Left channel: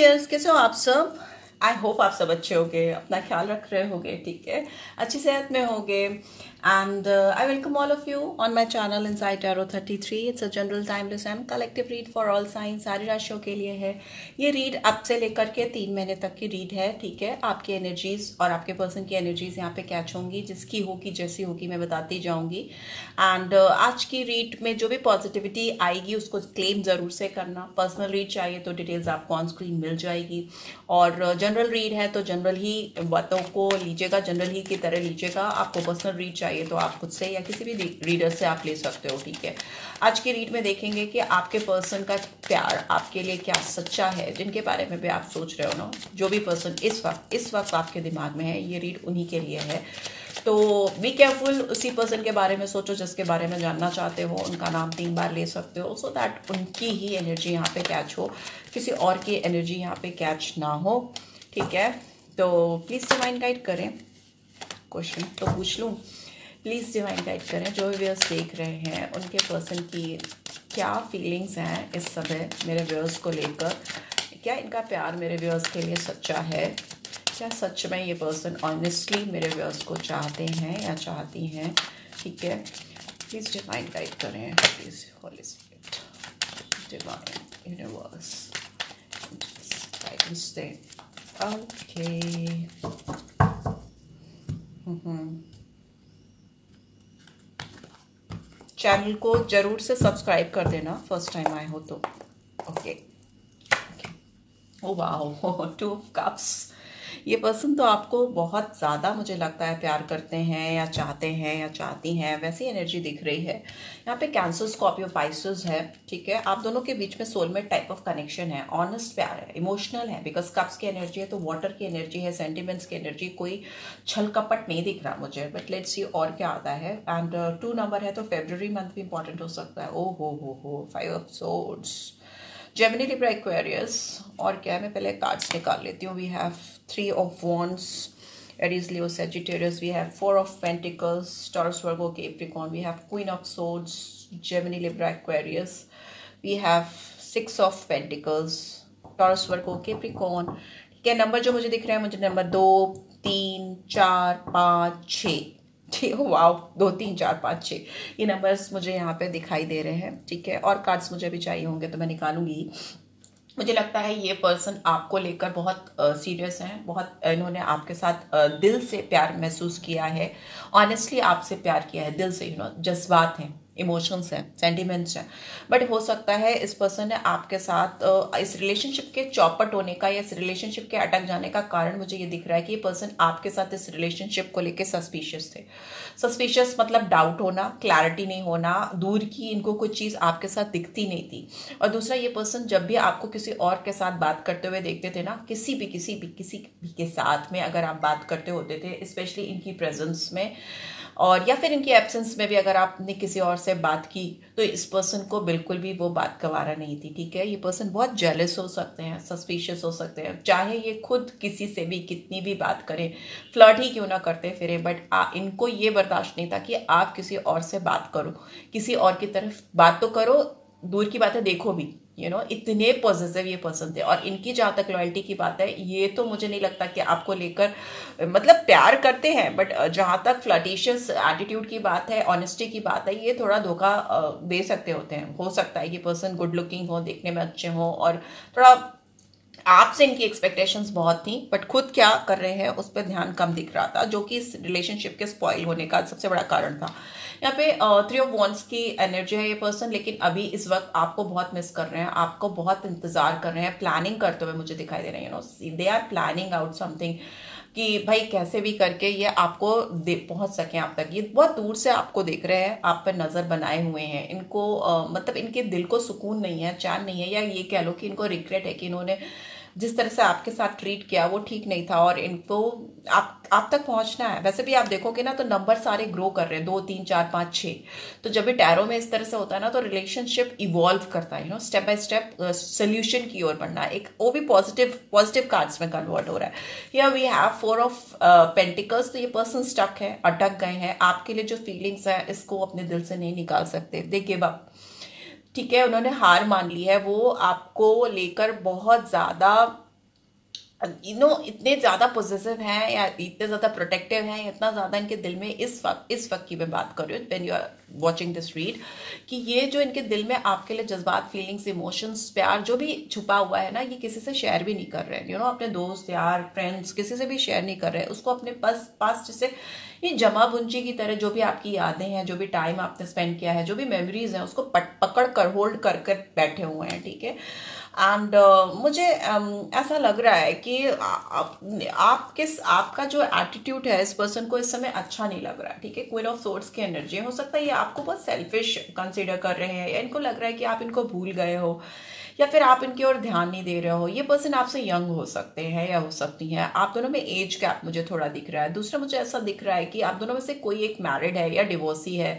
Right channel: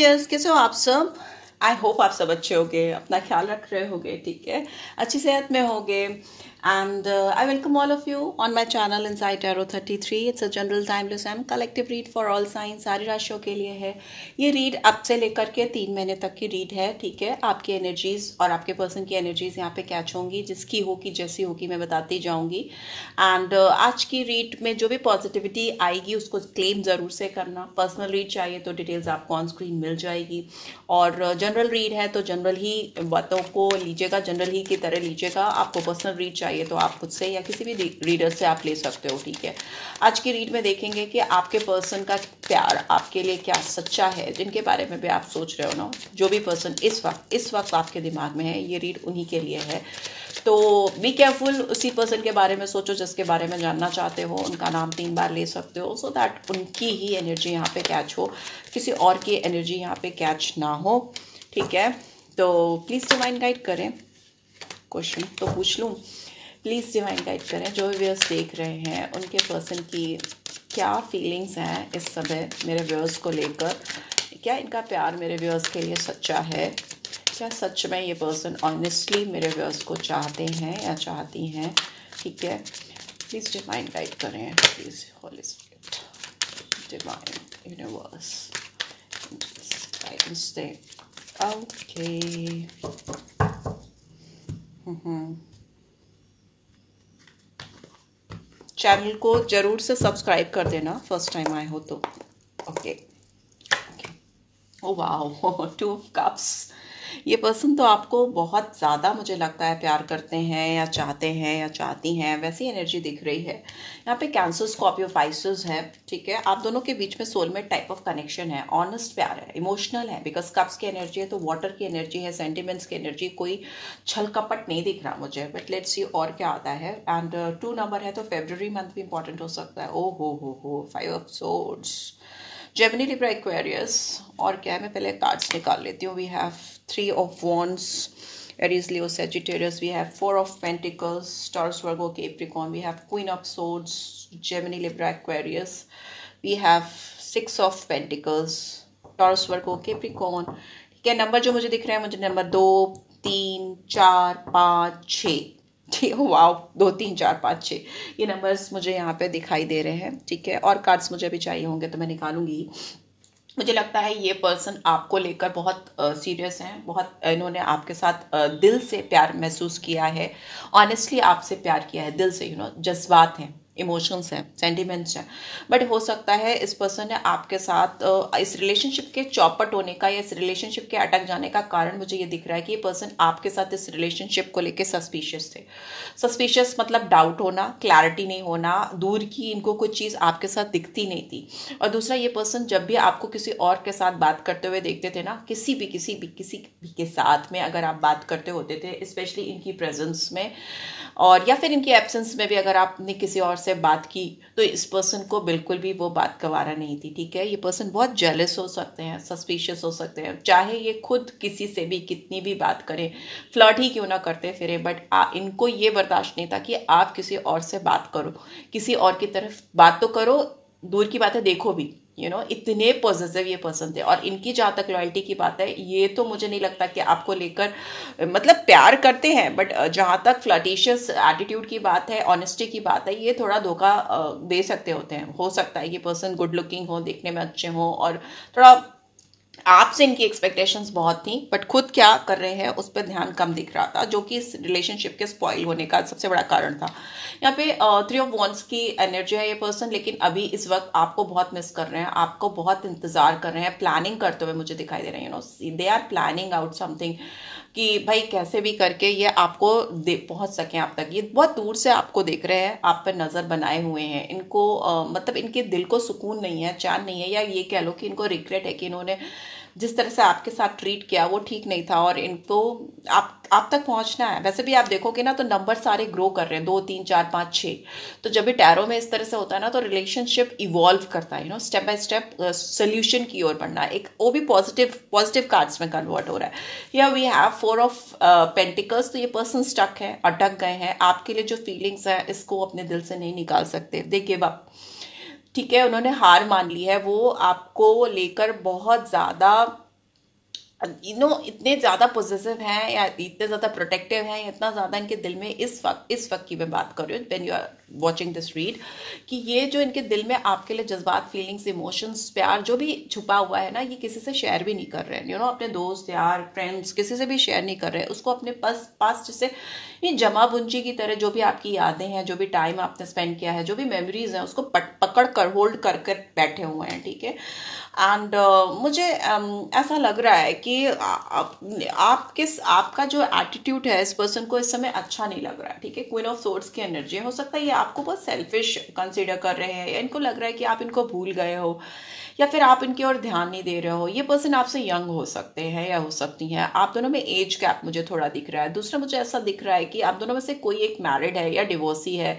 Viewers, कैसे हो आप सब। आई होप आप सब अच्छे होंगे, अपना ख्याल रख रहे होंगे, ठीक है, अच्छी सेहत में होंगे। And I welcome all of you on my channel inside tarot 33। It's a general timeless and collective read for all science, सारी राशियों के लिए है। ये रीड अब से लेकर के 3 महीने तक की रीड है, ठीक है। आपकी एनर्जीज और आपके पर्सन की एनर्जीज यहाँ पे कैच होंगी, जिसकी होगी जैसी होगी मैं बताती जाऊंगी। एंड आज की रीड में जो भी पॉजिटिविटी आएगी उसको क्लेम जरूर से करना। पर्सनल रीड चाहिए तो डिटेल्स आपको ऑन स्क्रीन मिल जाएगी, और जनरल रीड है तो जनरल ही बातों को लीजिएगा, जनरल ही की तरह लीजिएगा। आपको पर्सनल रीड चाहिए तो आप खुद से या किसी भी रीडर से आप ले सकते हो, ठीक है। आज की रीड में देखेंगे कि आपके पर्सन का प्यार आपके लिए क्या सच्चा है, जिनके बारे में भी आप सोच रहे हो ना, जो भी पर्सन इस वक्त आपके दिमाग में है, ये रीड उन्हीं के लिए है। तो बी केयरफुल, उसी पर्सन के बारे में सोचो जिसके बारे में जानना चाहते हो। उनका नाम 3 बार ले सकते हो, सो दैट उनकी ही एनर्जी यहाँ पे कैच हो, किसी और की एनर्जी यहाँ पे कैच ना हो, ठीक है। तो प्लीज डिवाइन गाइड करें। क्वेश्चन तो पूछ लूँ, प्लीज डिवाइन गाइड करें। जो व्यूअर्स देख रहे हैं उनके पर्सन की क्या फीलिंग्स हैं इस समय मेरे व्यूअर्स को लेकर। क्या इनका प्यार मेरे व्यूअर्स के लिए सच्चा है? क्या सच में ये पर्सन ऑनेस्टली मेरे व्यूअर्स को चाहते हैं या चाहती हैं, ठीक है। प्लीज डिवाइन गाइड करें, please Holi spirit, divine universe guidance they. Okay, channel को जरूर से सब्सक्राइब कर देना फर्स्ट टाइम आए हो तो। Okay, oh wow, 2 of cups. ये पर्सन तो आपको बहुत ज़्यादा मुझे लगता है प्यार करते हैं या चाहते हैं या चाहती हैं, वैसी एनर्जी दिख रही है। यहाँ पे कैंसर, स्कॉर्पियो, पाइसेस है, ठीक है। आप दोनों के बीच में सोलमेट टाइप ऑफ कनेक्शन है, ऑनेस्ट प्यार है, इमोशनल है, बिकॉज कप्स की एनर्जी है तो वाटर की एनर्जी है, सेंटिमेंट्स की एनर्जी, कोई छल कपट नहीं दिख रहा मुझे, बट लेट्स सी और क्या आता है। एंड 2 नंबर है तो फेब्रुअरी मंथ भी इंपॉर्टेंट हो सकता है। ओ हो 5 of swords, Gemini, Libra, Aquarius. और क्या है, मैं पहले कार्ड्स निकाल लेती हूँ। We have 3 of wands, Aries, Leo, Sagittarius. We have 4 of pentacles, Taurus, Virgo, Capricorn. We have Queen of swords, Gemini, Libra, Aquarius. We have 6 of pentacles, Taurus, Virgo, Capricorn. ठीक है, नंबर जो मुझे दिख रहे हैं, मुझे नंबर 2, 3, 4, 5, 6, ठीक है। वाओ, 2, 3, 4, 5, 6 ये नंबर्स मुझे यहाँ पे दिखाई दे रहे हैं, ठीक है। और कार्ड्स मुझे अभी चाहिए होंगे तो मैं निकालूंगी। मुझे लगता है ये पर्सन आपको लेकर बहुत सीरियस हैं, बहुत इन्होंने आपके साथ दिल से प्यार महसूस किया है, ऑनेस्टली आपसे प्यार किया है दिल से, जज्बात हैं, इमोशंस हैं, सेंटिमेंट्स हैं। बट हो सकता है इस पर्सन ने आपके साथ इस रिलेशनशिप के चौपट होने का या इस रिलेशनशिप के अटक जाने का कारण मुझे ये दिख रहा है कि ये पर्सन आपके साथ इस रिलेशनशिप को लेकर सस्पिशियस थे। सस्पिशियस मतलब डाउट होना, क्लैरिटी नहीं होना, दूर की इनको कुछ चीज आपके साथ दिखती नहीं थी। और दूसरा, ये पर्सन जब भी आपको किसी और के साथ बात करते हुए देखते थे ना, किसी भी के साथ में अगर आप बात करते होते थे, स्पेशली इनकी प्रेजेंस में और या फिर इनकी एब्सेंस में भी अगर आपने किसी और से बात की, तो इस पर्सन को बिल्कुल भी वो बात गवारा नहीं थी, ठीक है। ये पर्सन बहुत जेलस हो सकते हैं, सस्पिशियस हो सकते हैं, चाहे ये खुद किसी से भी कितनी भी बात करें, फ्लर्ट ही क्यों ना करते फिरे, बट इनको ये बर्दाश्त नहीं था कि आप किसी और से बात करो, किसी और की तरफ बात तो करो, दूर की बातें देखो भी, इतने पॉजिटिव ये पर्सन थे। और इनकी जहां तक लॉयल्टी की बात है, ये तो मुझे नहीं लगता कि आपको लेकर मतलब प्यार करते हैं, बट जहां तक फ्लर्टिशियस एटीट्यूड की बात है, ऑनेस्टी की बात है, ये थोड़ा धोखा दे सकते होते हैं। हो सकता है ये पर्सन गुड लुकिंग हो, देखने में अच्छे हो, और थोड़ा आपसे इनकी एक्सपेक्टेशंस बहुत थी, बट खुद क्या कर रहे हैं उस पर ध्यान कम दिख रहा था, जो कि इस रिलेशनशिप के स्पॉइल होने का सबसे बड़ा कारण था। यहाँ पे 3 ऑफ वॉन्ड्स की एनर्जी है ये पर्सन, लेकिन अभी इस वक्त आपको बहुत मिस कर रहे हैं, आपको बहुत इंतजार कर रहे हैं, प्लानिंग करते हुए मुझे दिखाई दे रहे हैं। They are planning out something कि भाई कैसे भी करके ये आपको पहुंच सके आप तक। ये बहुत दूर से आपको देख रहे हैं, आप पर नजर बनाए हुए हैं। इनको मतलब इनके दिल को सुकून नहीं है, चैन नहीं है, या ये कह लो कि इनको रिग्रेट है कि इन्होंने जिस तरह से आपके साथ ट्रीट किया वो ठीक नहीं था, और इनको आप तक पहुंचना है। वैसे भी आप देखोगे ना तो नंबर सारे ग्रो कर रहे हैं, 2, 3, 4, 5, 6। तो जब भी टैरो में इस तरह से होता है ना, तो रिलेशनशिप इवॉल्व करता है, स्टेप बाय स्टेप सोल्यूशन की ओर बढ़ना, एक वो भी पॉजिटिव कार्ड्स में कन्वर्ट हो रहा है। या वी हैव 4 ऑफ पेंटिकल्स। तो ये पर्सन स्टक है, अटक गए हैं, आपके लिए जो फीलिंग्स है इसको अपने दिल से नहीं निकाल सकते, दे गिव अप, ठीक है। उन्होंने हार मान ली है, वो आपको लेकर बहुत ज्यादा इतने ज्यादा पॉजिटिव हैं या इतने ज्यादा प्रोटेक्टिव हैं, इतना ज्यादा इनके दिल में इस वक्त की मैं बात कर रही हूँ when you are watching this read, कि ये जो इनके दिल में आपके लिए जज्बात, फीलिंग्स, इमोशंस, प्यार जो भी छुपा हुआ है ना, ये किसी से शेयर भी नहीं कर रहे हैं, अपने दोस्त यार फ्रेंड्स किसी से भी शेयर नहीं कर रहे हैं उसको, अपने पास जैसे ये जमा पूंजी की तरह जो भी आपकी यादें हैं, जो भी टाइम आपने स्पेंड किया है, जो भी मेमोरीज हैं, उसको पकड़ कर होल्ड कर बैठे हुए हैं, ठीक है। एंड मुझे ऐसा लग रहा है कि आपका जो एटीट्यूड है इस पर्सन को इस समय अच्छा नहीं लग रहा है, ठीक है। क्वीन ऑफ सोर्ड्स की एनर्जी हो सकता है ये आपको बहुत सेल्फिश कंसीडर कर रहे हैं, या इनको लग रहा है कि आप इनको भूल गए हो, या फिर आप इनकी ओर ध्यान नहीं दे रहे हो। ये पर्सन आपसे यंग हो सकते हैं या हो सकती हैं, आप दोनों में एज गैप मुझे थोड़ा दिख रहा है। दूसरा मुझे ऐसा दिख रहा है कि आप दोनों में से कोई एक मैरिड है या डिवोर्सी है,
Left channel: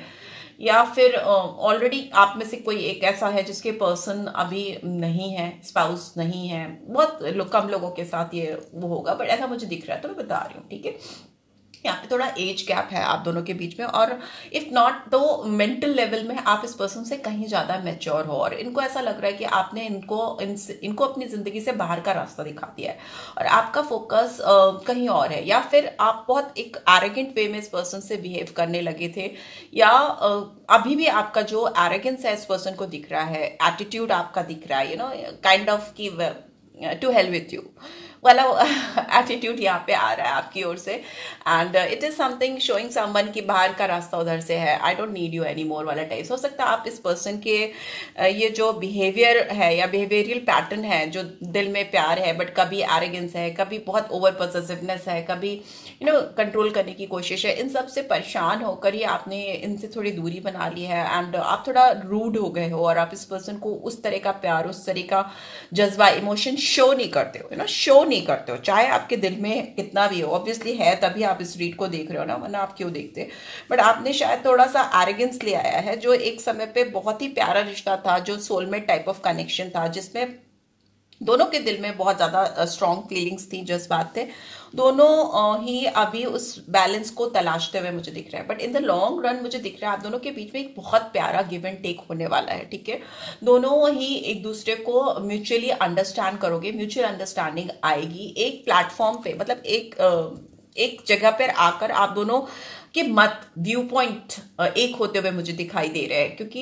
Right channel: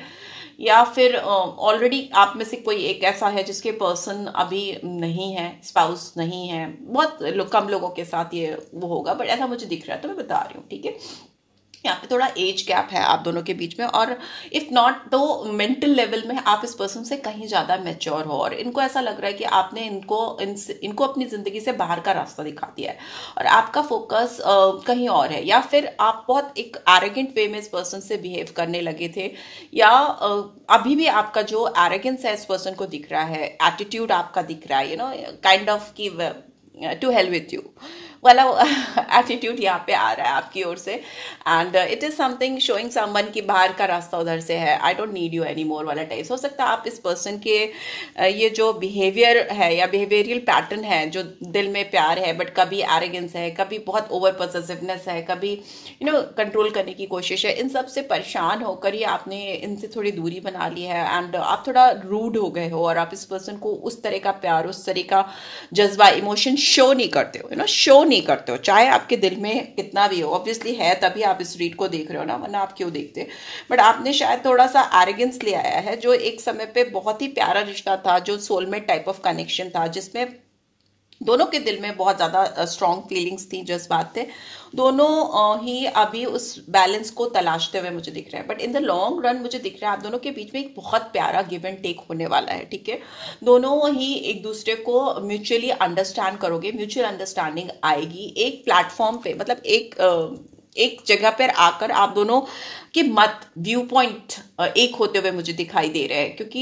या फिर ऑलरेडी आप में से कोई एक ऐसा है जिसके पर्सन अभी नहीं है, स्पाउस नहीं है। बहुत कम लोगों के साथ ये वो होगा, बट ऐसा मुझे दिख रहा है तो मैं बता रही हूँ, ठीक है। यहाँ पे थोड़ा एज गैप है आप दोनों के बीच में, और इफ नॉट तो मेंटल लेवल में आप इस पर्सन से कहीं ज्यादा मैच्योर हो, और इनको ऐसा लग रहा है कि आपने इनको अपनी जिंदगी से बाहर का रास्ता दिखा दिया है, और आपका फोकस कहीं और है, या फिर आप बहुत एक एरोगेंट वे में इस पर्सन से बिहेव करने लगे थे, या अभी भी आपका जो एरोगेंस है इस पर्सन को दिख रहा है, एटीट्यूड आपका दिख रहा है, काइंड ऑफ की टू हेल विथ यू वाला एटीट्यूड यहाँ पे आ रहा है आपकी ओर से। And it is something showing someone की बाहर का रास्ता उधर से है, I don't need you any more वाला टाइप। हो सकता है आप इस पर्सन के ये जो बिहेवियर है या बिहेवियरल पैटर्न है, जो दिल में प्यार है बट कभी एरोगेंस है, कभी बहुत ओवर पॉसेसिवनेस है, कभी कंट्रोल करने की कोशिश है, इन सब से परेशान होकर ही आपने इनसे थोड़ी दूरी बना ली है, एंड आप थोड़ा रूड हो गए हो, और आप इस पर्सन को उस तरह का प्यार, उस तरह का जज्बा, इमोशन शो नहीं करते हो, शो नहीं करते हो, चाहे आपके दिल में कितना भी हो। ऑब्वियसली है तभी आप इस रीड को देख रहे हो ना, वरना आप क्यों देखते। बट आपने शायद थोड़ा सा एरोगेंस ले आया है, जो एक समय पे बहुत ही प्यारा रिश्ता था, जो सोलमेट टाइप ऑफ कनेक्शन था, जिसमें दोनों के दिल में बहुत ज्यादा स्ट्रॉन्ग फीलिंग्स थी, जज्बात थे, दोनों ही अभी उस बैलेंस को तलाशते हुए मुझे दिख रहा है। But in the long run मुझे दिख रहा है आप दोनों के बीच में एक बहुत प्यारा गिव एंड टेक होने वाला है, ठीक है। दोनों ही एक दूसरे को म्यूचुअली अंडरस्टैंड करोगे, म्यूचुअल अंडरस्टैंडिंग आएगी एक प्लेटफॉर्म पे, मतलब एक जगह पर आकर आप दोनों कि मत व्यू पॉइंट एक होते हुए मुझे दिखाई दे रहे हैं, क्योंकि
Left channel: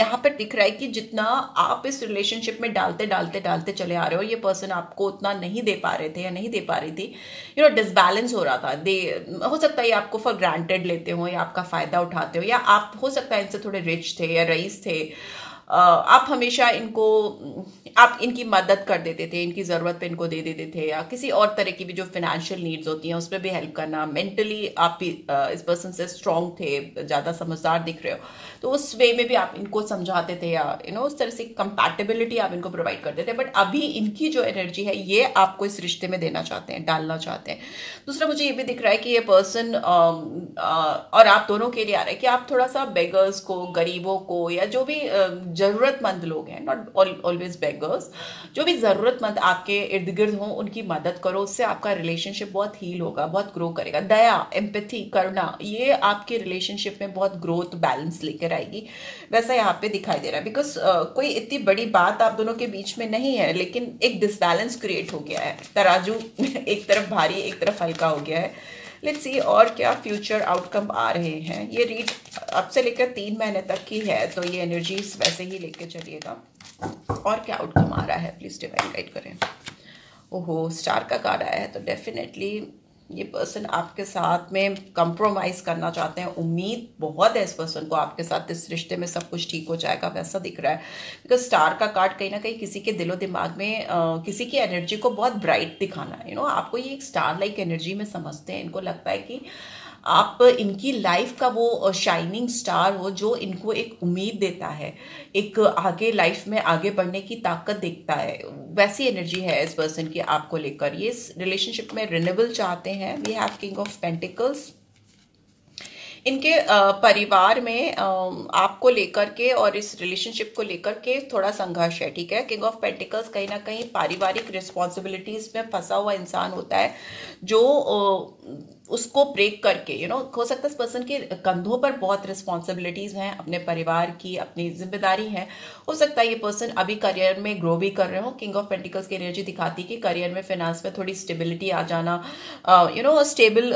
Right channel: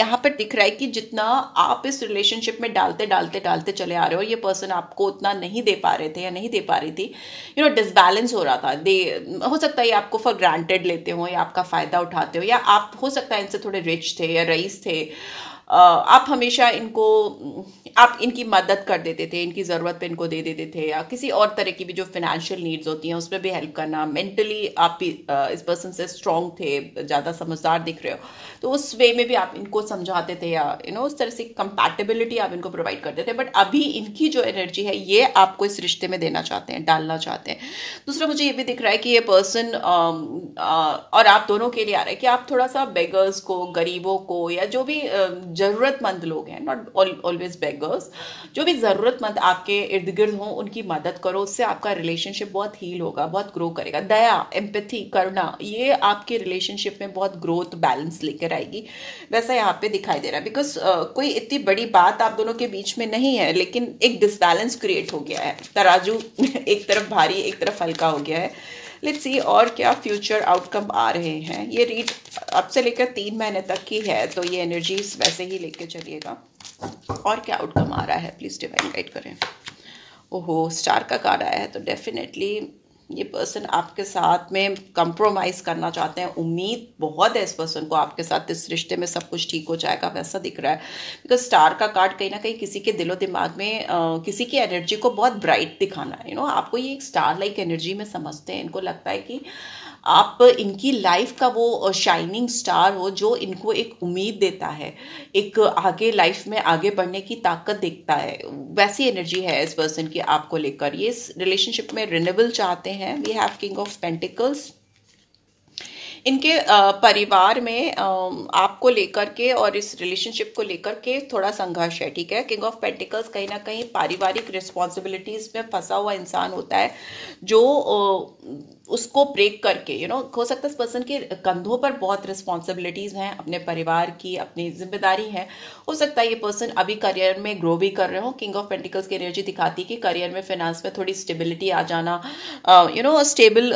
यहाँ पर दिख रहा है कि जितना आप इस रिलेशनशिप में डालते चले आ रहे हो, ये पर्सन आपको उतना नहीं दे पा रहे थे या नहीं दे पा रही थी, डिसबैलेंस हो रहा था। हो सकता है आपको फॉर ग्रांटेड लेते हो, या आपका फायदा उठाते हो, या आप हो सकता है इनसे थोड़े रिच थे या रईस थे, आप हमेशा आप इनकी मदद कर देते थे, इनकी जरूरत पे इनको दे देते थे, या किसी और तरह की भी जो फाइनेंशियल नीड्स होती हैं उसमें भी हेल्प करना। मेंटली आप इस पर्सन से स्ट्रांग थे, ज्यादा समझदार दिख रहे हो, तो उस वे में भी आप इनको समझाते थे, या उस तरह से कंपैटिबिलिटी आप इनको प्रोवाइड करते थे। बट अभी इनकी जो एनर्जी है ये आपको इस रिश्ते में देना चाहते हैं, डालना चाहते हैं। दूसरा मुझे ये भी दिख रहा है कि ये पर्सन और आप दोनों के लिए आ रहा है कि आप थोड़ा सा बेगर्स को, गरीबों को, या जो भी जरूरतमंद लोग हैं, नॉट ऑलवेज बेगर्स, जो भी जरूरतमंद आपके इर्द गिर्द हों, उनकी मदद करो। उससे आपका रिलेशनशिप बहुत हील होगा, बहुत ग्रो करेगा। दया, एम्पैथी करना, ये आपके रिलेशनशिप में बहुत ग्रोथ, बैलेंस लेकर आएगी, वैसा यहाँ पे दिखाई दे रहा है। बिकॉज कोई इतनी बड़ी बात आप दोनों के बीच में नहीं है, लेकिन एक डिसबैलेंस क्रिएट हो गया है, तराजू एक तरफ भारी एक तरफ हल्का हो गया है। लेट्स सी और क्या फ्यूचर आउटकम आ रहे हैं। ये रीड अब से लेकर 3 महीने तक की है, तो ये एनर्जीज वैसे ही लेके चलिएगा। और क्या आउटकम आ रहा है, प्लीज डिवाइन गाइड करें। ओहो, स्टार का कार्ड आया है, तो डेफिनेटली ये पर्सन आपके साथ में कंप्रोमाइज करना चाहते हैं। उम्मीद बहुत है इस पर्सन को आपके साथ, इस रिश्ते में सब कुछ ठीक हो जाएगा, वैसा दिख रहा है। बिकॉज स्टार का कार्ड कहीं ना कहीं किसी के दिलो दिमाग में किसी की एनर्जी को बहुत ब्राइट दिखाना है। आपको ये एक स्टार लाइक एनर्जी में समझते हैं। इनको लगता है कि आप इनकी लाइफ का वो शाइनिंग स्टार हो, जो इनको एक उम्मीद देता है, एक आगे लाइफ में आगे बढ़ने की ताकत देखता है। वैसी एनर्जी है इस पर्सन की आपको लेकर। ये इस रिलेशनशिप में रिन्यूअल चाहते हैं। We have king of pentacles, इनके परिवार में आपको लेकर के और इस रिलेशनशिप को लेकर के थोड़ा संघर्ष है, ठीक है। किंग ऑफ पेंटिकल्स कहीं ना कहीं पारिवारिक रिस्पॉन्सिबिलिटीज में फंसा हुआ इंसान होता है, जो उसको ब्रेक करके हो सकता है इस पर्सन के कंधों पर बहुत रिस्पॉन्सिबिलिटीज हैं, अपने परिवार की अपनी जिम्मेदारी है। हो सकता है ये पर्सन अभी करियर में ग्रो भी कर रहे हो। किंग ऑफ पेंटिकल्स की एनर्जी दिखाती है कि करियर में, फाइनेंस में थोड़ी स्टेबिलिटी आ जाना, स्टेबल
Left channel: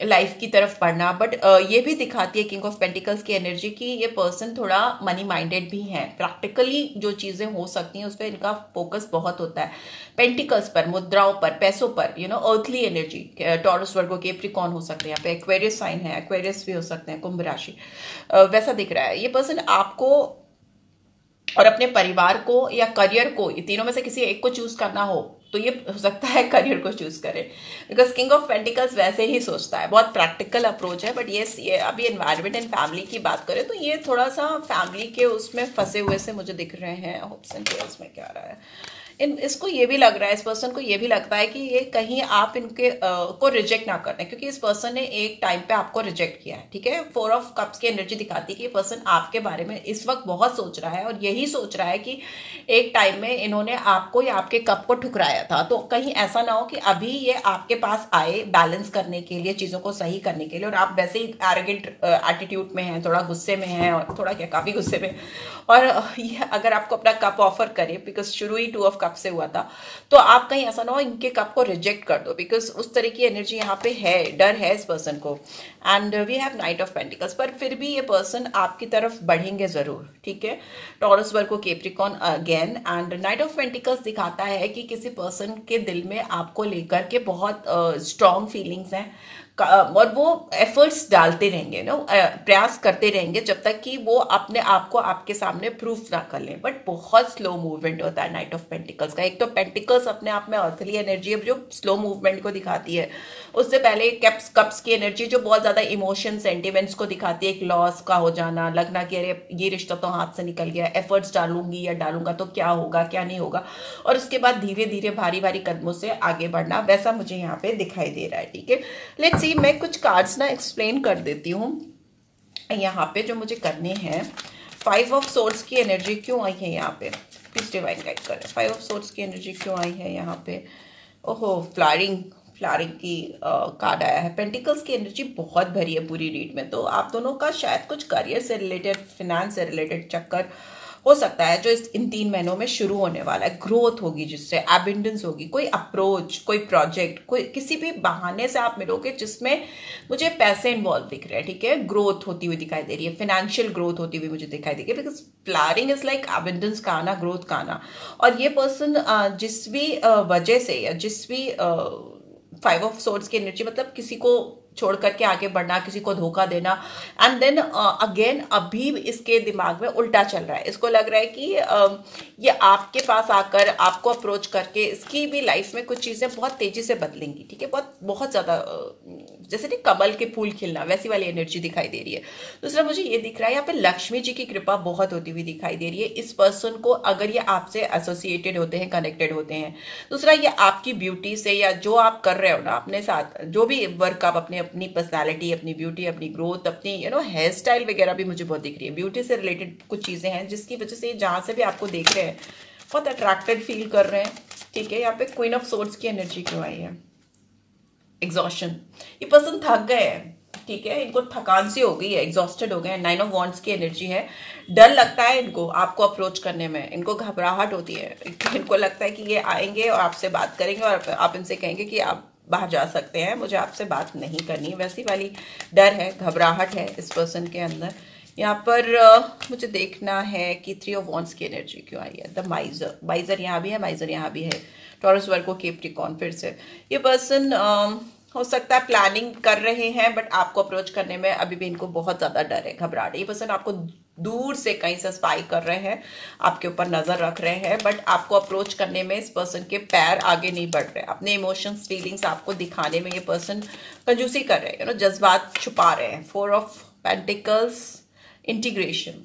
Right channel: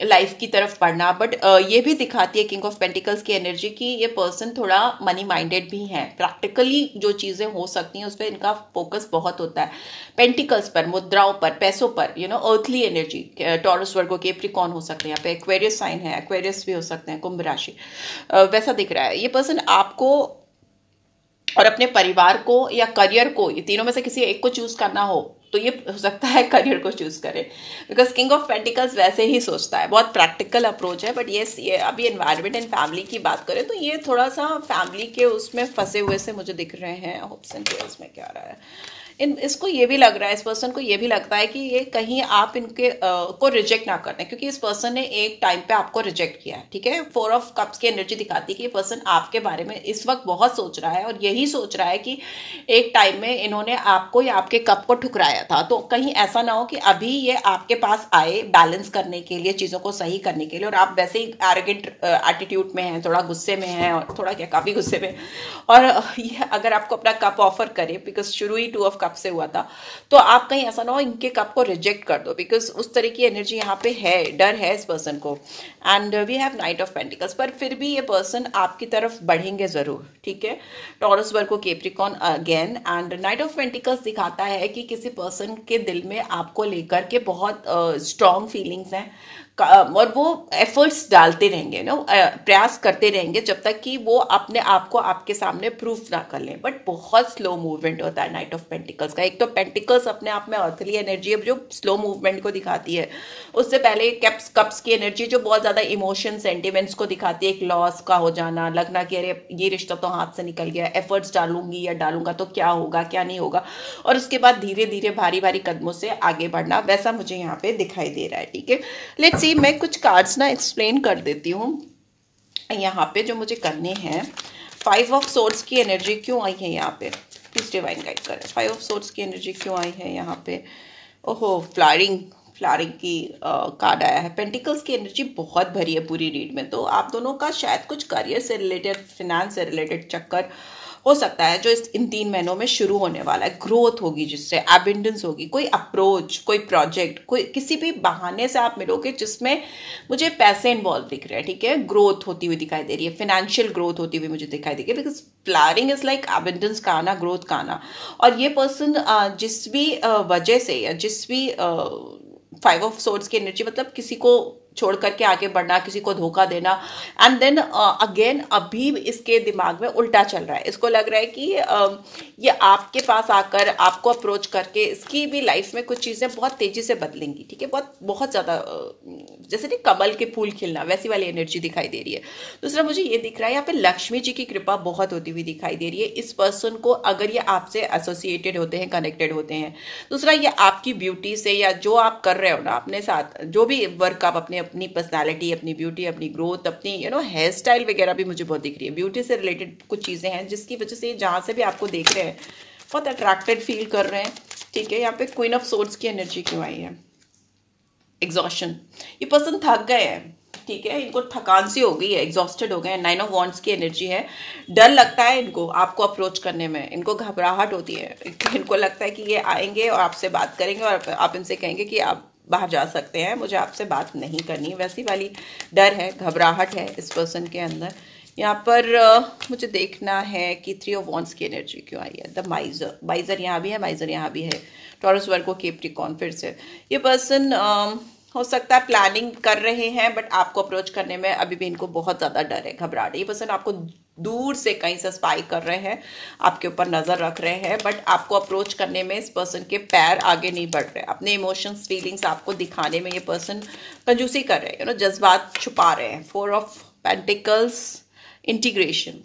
लाइफ की तरफ बढ़ना। बट ये भी दिखाती है किंग ऑफ पेंटिकल्स की एनर्जी की ये पर्सन थोड़ा मनी माइंडेड भी है। प्रैक्टिकली जो चीजें हो सकती हैं उस पर इनका फोकस बहुत होता है, पेंटिकल्स पर, मुद्राओं पर, पैसों पर, अर्थली एनर्जी। टॉरस, वर्गो, कैप्रिकॉर्न हो सकते हैं यहाँ पे, एक्वेरियस साइन है, एक्वेरियस भी हो सकते हैं, कुंभ राशि, वैसा दिख रहा है। ये पर्सन आपको और अपने परिवार को या करियर को, ये तीनों में से किसी एक को चूज करना हो तो ये हो सकता है करियर को चूज करे, बिकॉज किंग ऑफ पेंटिकल्स वैसे ही सोचता है, बहुत प्रैक्टिकल अप्रोच है। बट ये अभी एनवायरमेंट एंड फैमिली की बात करें तो ये थोड़ा सा फैमिली के उसमें फंसे हुए से मुझे दिख रहे हैं। होप्स एंड प्रेयर्स में क्या आ रहा है, इसको ये भी लग रहा है, इस पर्सन को ये भी लगता है कि ये कहीं आप इनके को रिजेक्ट ना करते, क्योंकि इस पर्सन ने एक टाइम पे आपको रिजेक्ट किया है, ठीक है। 4 ऑफ कप्स की एनर्जी दिखाती है कि ये पर्सन आपके बारे में इस वक्त बहुत सोच रहा है और यही सोच रहा है कि एक टाइम में इन्होंने आपको या आपके कप को ठुकराया था, तो कहीं ऐसा ना हो कि अभी ये आपके पास आए बैलेंस करने के लिए, चीजों को सही करने के लिए, और आप वैसे ही एरोगेंट एटीट्यूड में हैं, थोड़ा गुस्से में हैं, और थोड़ा क्या काफी गुस्से में, और ये अगर आपको अपना कप ऑफर करे, बिकॉज शुरू ही 2 ऑफ कप से हुआ था, तो आप कहीं ऐसा ना हो इनके कप को रिजेक्ट कर दो, बिकॉज उस तरह की एनर्जी यहाँ पे है, डर है इस पर्सन को। And we have knight of pentacles, पर फिर भी ये पर्सन आपकी तरफ बढ़ेंगे जरूर, ठीक है। Taurus, Virgo, Capricorn again, and night of pentacles दिखाता है कि किसी पर्सन के दिल में आपको लेकर के बहुत स्ट्रॉन्ग फीलिंग्स हैं, और वो एफर्ट्स डालते रहेंगे, प्रयास करते रहेंगे जब तक कि वो अपने आप को आपके सामने प्रूफ ना कर लें। बट बहुत स्लो मूवमेंट होता है नाइट ऑफ पेंटिकल्स का। एक तो पेंटिकल्स अपने आप में अर्थली एनर्जी है जो स्लो मूवमेंट को दिखाती है, उससे पहले कप्स की एनर्जी जो बहुत ज्यादा इमोशन, सेंटिमेंट्स को दिखाती है, एक लॉस का हो जाना, लगना कि अरे ये रिश्ता तो हाथ से निकल गया, एफर्ट्स डालूंगी या डालूंगा तो क्या होगा क्या नहीं होगा, और उसके बाद धीरे धीरे भारी भारी कदमों से आगे बढ़ना, वैसा मुझे यहाँ पे दिखाई दे रहा है, ठीक है। लेट्स सी, मैं कुछ कार्ड्स ना एक्सप्लेन कर देती हूँ यहाँ पे जो मुझे करने हैं। 5 ऑफ सोर्ड्स की एनर्जी क्यों आई है यहाँ पे, प्लीज डिवाइन गाइड करें। 5 ऑफ सोर्ड्स की एनर्जी क्यों आई है यहाँ पे। ओहो, फ्लारिंग की कार्ड आया है। पेंटिकल्स की एनर्जी बहुत भरी है पूरी रीड में, तो आप दोनों का शायद कुछ करियर से रिलेटेड, फिनेंस से रिलेटेड चक्कर हो सकता है जो इन 3 महीनों में शुरू होने वाला है। ग्रोथ होगी जिससे एबिंडेंस होगी, कोई अप्रोच, कोई प्रोजेक्ट, कोई किसी भी बहाने से आप मिलोगे जिसमें मुझे पैसे इन्वॉल्व दिख रहे हैं, ठीक है। ग्रोथ होती हुई दिखाई दे रही है, फाइनेंशियल ग्रोथ होती हुई मुझे दिखाई दे रही है, बिकॉज फ्लारिंग इज लाइक एबिंडेंस का आना, ग्रोथ का आना। और ये पर्सन जिस भी वजह से या जिस भी 5 ऑफ सोर्ड्स की एनर्जी, मतलब किसी को छोड़ करके आगे बढ़ना, किसी को धोखा देना, एंड देन अगेन अभी इसके दिमाग में उल्टा चल रहा है। इसको लग रहा है कि ये आपके पास आकर आपको अप्रोच करके इसकी भी लाइफ में कुछ चीजें बहुत तेजी से बदलेंगी, ठीक है। बहुत ज्यादा जैसे कि कमल के फूल खिलना, वैसी वाली एनर्जी दिखाई दे रही है। दूसरा मुझे ये दिख रहा है यहाँ पे लक्ष्मी जी की कृपा बहुत होती हुई दिखाई दे रही है इस पर्सन को, अगर ये आपसे एसोसिएटेड होते हैं, कनेक्टेड होते हैं। दूसरा, ये आपकी ब्यूटी से या जो आप कर रहे हो ना अपने साथ, जो भी वर्क आप अपनी पर्सनालिटी, अपनी ब्यूटी, अपनी ग्रोथ, अपनी हेयर स्टाइल वगैरह भी मुझे बहुत दिख रही है। ब्यूटी से रिलेटेड कुछ चीजें हैं जिसकी वजह से जहां से भी आपको देख रहे हैं बहुत अट्रैक्टेड फील कर रहे हैं, ठीक है। यहाँ पे क्वीन ऑफ सोर्ड्स की एनर्जी क्यों आई है। एग्जॉस्शन, ये पर्सन थक गए हैं, ठीक है, इनको थकान सी हो गई है, एग्जॉस्टेड हो गए हैं। 9 ऑफ वॉन्ड्स की एनर्जी है। डर लगता है इनको आपको अप्रोच करने में, इनको घबराहट होती है, इनको लगता है कि ये आएंगे और आपसे बात करेंगे और आप इनसे कहेंगे कि आप बाहर जा सकते हैं, मुझे आपसे बात नहीं करनी, वैसी वाली डर है, घबराहट है इस पर्सन के अंदर। यहाँ पर मुझे देखना है कि 3 ऑफ वॉन्ड्स की एनर्जी क्यों आई है। द माइजर यहाँ भी है, माइजर यहाँ भी है। टॉरस, वर्गो, कैप्रिकॉर्न, फिर से ये पर्सन हो सकता है प्लानिंग कर रहे हैं, बट आपको अप्रोच करने में अभी भी इनको बहुत ज्यादा डर है, घबराहट है। ये पर्सन आपको दूर से कहीं से स्पाई कर रहे हैं, आपके ऊपर नजर रख रहे हैं, बट आपको अप्रोच करने में इस पर्सन के पैर आगे नहीं बढ़ रहे। अपने इमोशंस, फीलिंग्स आपको दिखाने में ये पर्सन कंजूसी कर रहे हैं, जज्बात छुपा रहे हैं। 4 ऑफ पेंटिकल्स, इंटीग्रेशन,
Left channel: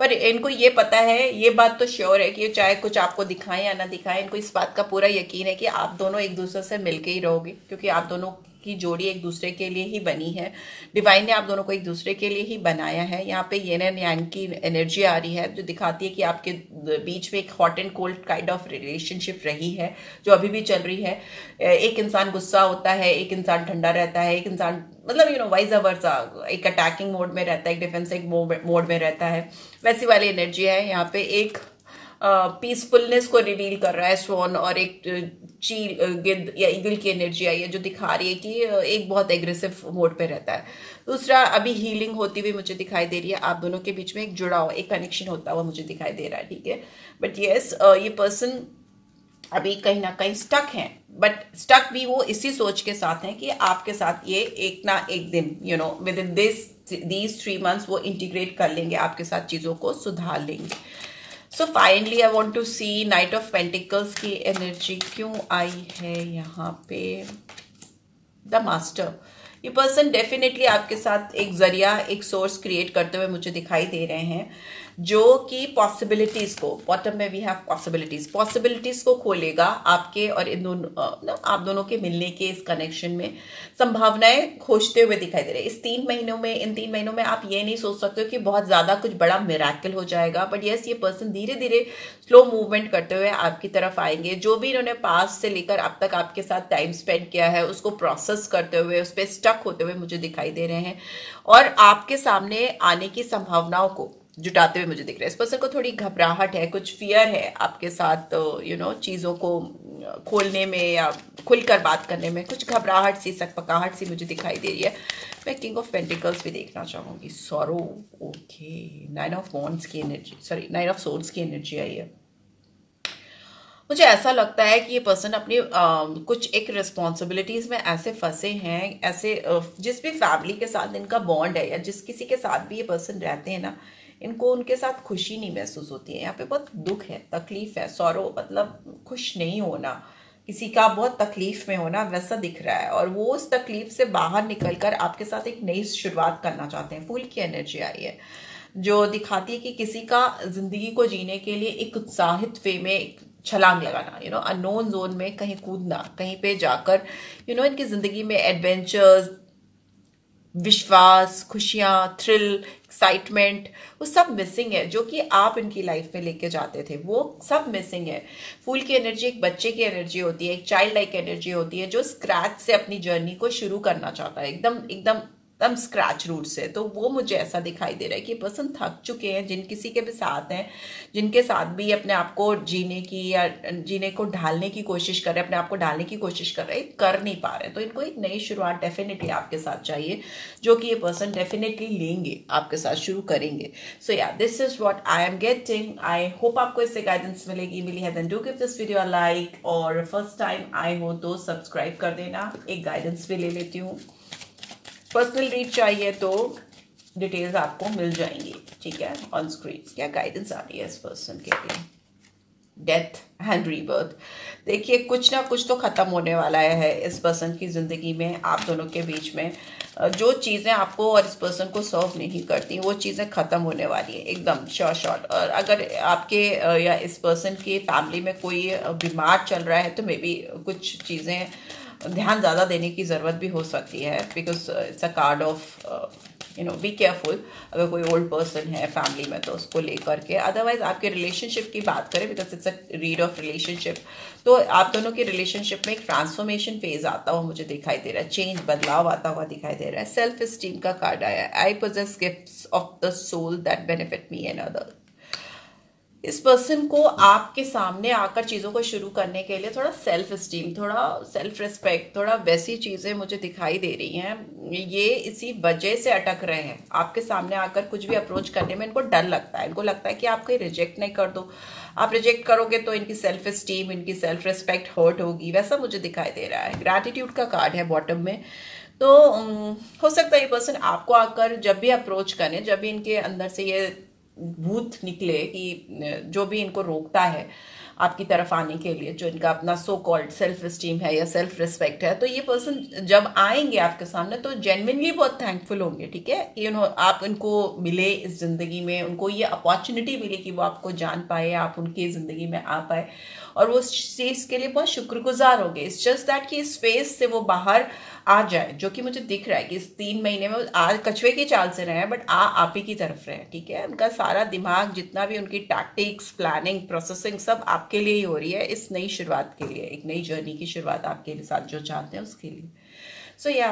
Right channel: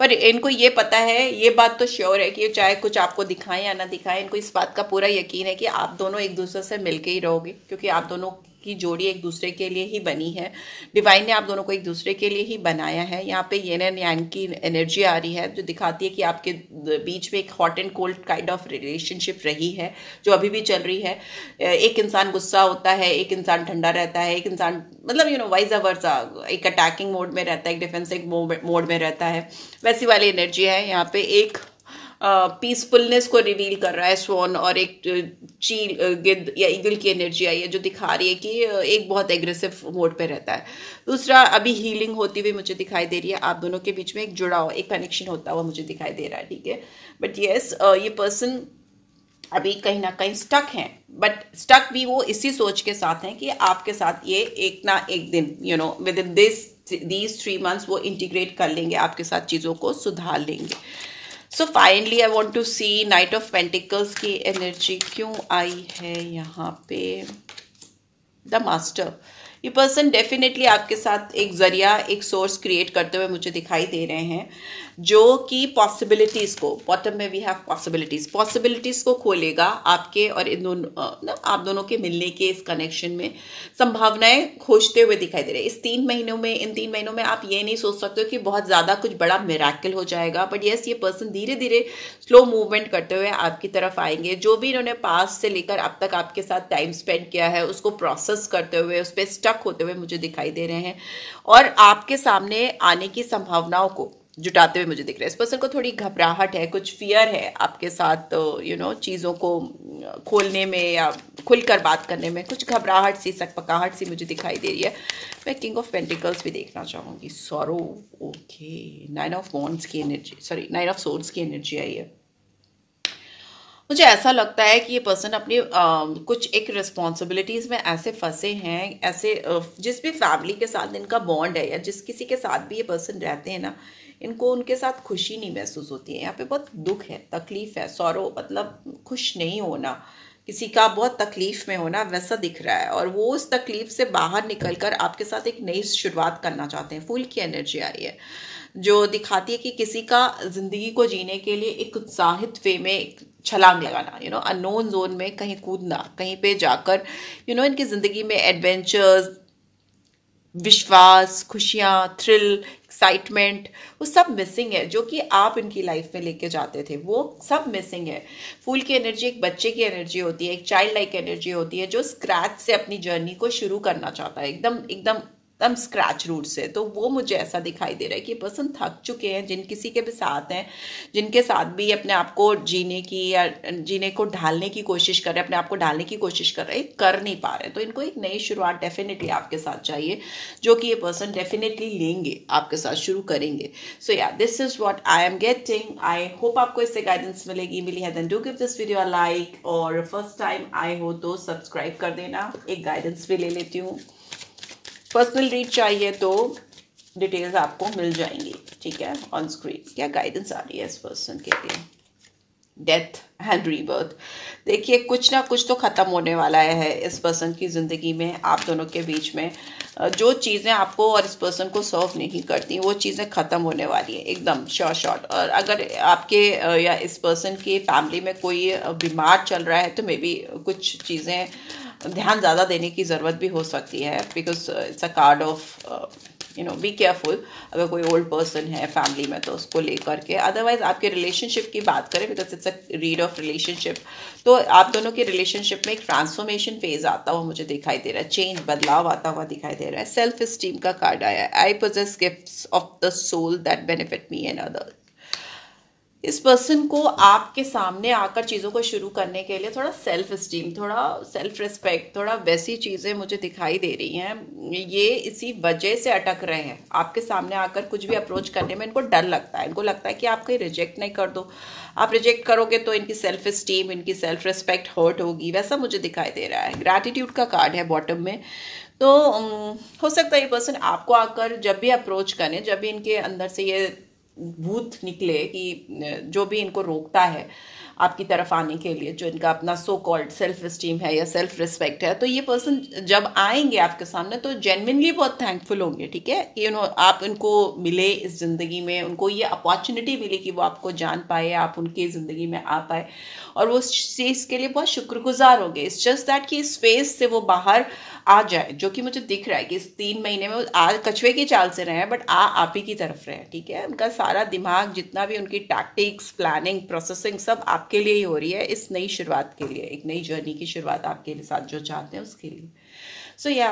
पर इनको ये पता है, ये बात तो श्योर है कि चाहे कुछ आपको दिखाएं या ना दिखाएं, इनको इस बात का पूरा यकीन है कि आप दोनों एक दूसरे से मिलके ही रहोगे, क्योंकि आप दोनों की जोड़ी एक दूसरे के लिए ही बनी है। डिवाइन ने आप दोनों को एक दूसरे के लिए ही बनाया है। यहाँ पे येन एंड यांग की एनर्जी आ रही है जो दिखाती है कि आपके बीच में एक hot and cold kind of relationship रही है, जो अभी भी चल रही है। एक इंसान गुस्सा होता है, एक इंसान ठंडा रहता है, एक इंसान मतलब वाइज वर्सा, एक अटैकिंग मोड में रहता है, एक डिफेंसिव मोड में रहता है। वैसी वाली एनर्जी है। यहाँ पे एक पीसफुलनेस को रिवील कर रहा है स्वॉन, और एक चील गिद्ध या ईगल की एनर्जी आई है जो दिखा रही है कि एक बहुत एग्रेसिव मोड पे रहता है। दूसरा, अभी हीलिंग होती हुई मुझे दिखाई दे रही है। आप दोनों के बीच में एक जुड़ा हुआ, एक कनेक्शन होता हुआ मुझे दिखाई दे रहा है, ठीक है। बट यस, ये पर्सन अभी कहीं ना कहीं स्टक हैं, बट स्टक भी वो इसी सोच के साथ हैं कि आपके साथ ये एक ना एक दिन विद इन these 3 months वो इंटीग्रेट कर लेंगे, आपके साथ चीजों को सुधार लेंगे। So finally I want to see knight of pentacles की एनर्जी क्यों आई है यहाँ पे। द मास्टर, ये पर्सन डेफिनेटली आपके साथ एक जरिया, एक सोर्स क्रिएट करते हुए मुझे दिखाई दे रहे हैं, जो कि पॉसिबिलिटीज को, बॉटम में वी हैव पॉसिबिलिटीज को खोलेगा आपके और इन दोनों, आप दोनों के मिलने के इस कनेक्शन में संभावनाएं खोजते हुए दिखाई दे रहे हैं। इन 3 महीनों में आप ये नहीं सोच सकते हो कि बहुत ज्यादा कुछ बड़ा मिरेकल हो जाएगा, बट यस, ये पर्सन धीरे धीरे स्लो मूवमेंट करते हुए आपकी तरफ आएंगे। जो भी इन्होंने पास से लेकर अब तक आपके साथ टाइम स्पेंड किया है, उसको प्रोसेस करते हुए, उस पर स्टक होते हुए मुझे दिखाई दे रहे हैं, और आपके सामने आने की संभावनाओं को जुटाते हुए मुझे दिख रहा है। इस पर्सन को थोड़ी घबराहट है, कुछ फियर है आपके साथ चीजों को खोलने में या खुलकर बात करने में, कुछ घबराहट सी, सकपकाहट सी मुझे दिखाई दे रही है। मैं किंग ऑफ पेंटिकल्स भी देखना चाहूंगी। सॉरो, ओके, 9 ऑफ वॉन्ड्स की एनर्जी, सॉरी 9 ऑफ सोर्ड्स की एनर्जी आई है। मुझे ऐसा लगता है कि ये पर्सन अपनी कुछ एक रिस्पॉन्सिबिलिटीज में ऐसे फंसे हैं, ऐसे जिस भी फैमिली के साथ इनका बॉन्ड है या जिस किसी के साथ भी ये पर्सन रहते हैं ना, इनको उनके साथ खुशी नहीं महसूस होती है। यहाँ पे बहुत दुख है, तकलीफ है। सॉरो मतलब खुश नहीं होना, किसी का बहुत तकलीफ में होना, वैसा दिख रहा है, और वो उस तकलीफ से बाहर निकलकर आपके साथ एक नई शुरुआत करना चाहते हैं। फूल की एनर्जी आई है जो दिखाती है कि किसी का जिंदगी को जीने के लिए एक उत्साहित वे में छलांग लगाना, अननोन जोन में कहीं कूदना, कहीं पे जाकर इनकी जिंदगी में एडवेंचर्स, विश्वास, खुशियां, थ्रिल, एक्साइटमेंट, वो सब मिसिंग है। जो कि आप इनकी लाइफ में लेके जाते थे, वो सब मिसिंग है। फूल की एनर्जी एक बच्चे की एनर्जी होती है, एक चाइल्ड लाइक एनर्जी होती है, जो स्क्रैच से अपनी जर्नी को शुरू करना चाहता है, एकदम एकदम एकदम स्क्रैच रूट से। तो वो मुझे ऐसा दिखाई दे रहा है कि पर्सन थक चुके हैं, जिन किसी के भी साथ हैं, जिनके साथ भी अपने आप को जीने की या जीने को ढालने की कोशिश कर रहे हैं, अपने आप को ढालने की कोशिश कर रहे हैं, कर नहीं पा रहे। तो इनको एक नई शुरुआत डेफिनेटली आपके साथ चाहिए, जो कि ये पर्सन डेफिनेटली लेंगे, आपके साथ शुरू करेंगे। So yeah, this is what I am getting. I hope आपको इससे गाइडेंस मिली है। Then do give this video a like, और फर्स्ट टाइम आए हो तो सब्सक्राइब कर देना। एक गाइडेंस भी ले लेती हूँ। पर्सनल रीड चाहिए तो डिटेल्स आपको मिल जाएंगी, ठीक है, ऑन स्क्रीन। क्या गाइडेंस आ रही है इस पर्सन के लिए? Death and rebirth. देखिए, कुछ ना कुछ तो खत्म होने वाला है इस पर्सन की जिंदगी में। आप दोनों के बीच में जो चीजें आपको और इस पर्सन को सर्व नहीं करती, वो चीजें खत्म होने वाली है एकदम शॉर्ट। और अगर आपके या इस पर्सन की फैमिली में कोई बीमार चल रहा है, तो मे बी कुछ चीजें ध्यान ज्यादा देने की जरूरत भी हो सकती है, because it's a card of be careful. अगर कोई ओल्ड पर्सन है फैमिली में तो उसको लेकर के। अदरवाइज आपके रिलेशनशिप की बात करें, because it's a read of relationship, तो आप दोनों के रिलेशनशिप में एक ट्रांसफॉर्मेशन फेज आता हुआ मुझे दिखाई दे रहा है, चेंज, बदलाव आता हुआ दिखाई दे रहा है। सेल्फ स्टीम का कार्ड आया है। I possess gifts of the soul that benefit me and other. इस पर्सन को आपके सामने आकर चीजों को शुरू करने के लिए थोड़ा सेल्फ स्टीम, थोड़ा सेल्फ रिस्पेक्ट, थोड़ा वैसी चीजें मुझे दिखाई दे रही हैं। ये इसी वजह से अटक रहे हैं। आपके सामने आकर कुछ भी अप्रोच करने में इनको डर लगता है। इनको लगता है कि आप कहीं रिजेक्ट नहीं कर दो, आप रिजेक्ट करोगे तो इनकी सेल्फ स्टीम, इनकी सेल्फ रिस्पेक्ट हर्ट होगी, वैसा मुझे दिखाई दे रहा है। ग्रैटिट्यूड का कार्ड है बॉटम में। तो हो सकता है ये पर्सन आपको आकर जब भी अप्रोच करें, जब भी इनके अंदर से ये भूत निकले कि जो भी इनको रोकता है, आपकी तरफ आने के लिए, जो इनका अपना सो कॉल्ड सेल्फ एस्टीम है या सेल्फ रिस्पेक्ट है, तो ये पर्सन जब आएंगे आपके सामने तो जेन्युइनली बहुत थैंकफुल होंगे, ठीक है। आप इनको मिले इस जिंदगी में, उनको ये अपॉर्चुनिटी मिली कि वो आपको जान पाए, आप उनकी जिंदगी में आ पाए, और वो इस चीज के लिए बहुत शुक्रगुजार होंगे। इट्स जस्ट दैट कि इस फेज से वो बाहर आ जाए, जो कि मुझे दिख रहा है कि इस 3 महीने में कछुए की चाल से रहे हैं, बट आप ही की तरफ रहे, ठीक है। उनका सारा दिमाग, जितना भी उनकी टैक्टिक्स, प्लानिंग, प्रोसेसिंग, सब आपके लिए ही हो रही है, इस नई शुरुआत के लिए, एक नई जर्नी की शुरुआत आपके साथ जो चाहते हैं उसके लिए। So yeah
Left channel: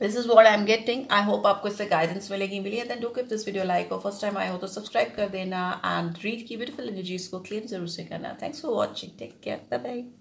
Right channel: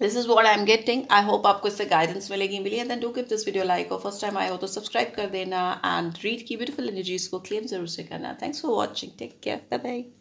this is what I am getting. I hope आपको इससे गाइडेंस मिलेगी। Then do give this video like, और फर्स्ट टाइम आए हो तो सब्सक्राइब कर देना, एंड रीड की ब्यूटीफुल एनर्जीज को क्लेम जरूर से करना। Thanks for watching, take care, bye bye.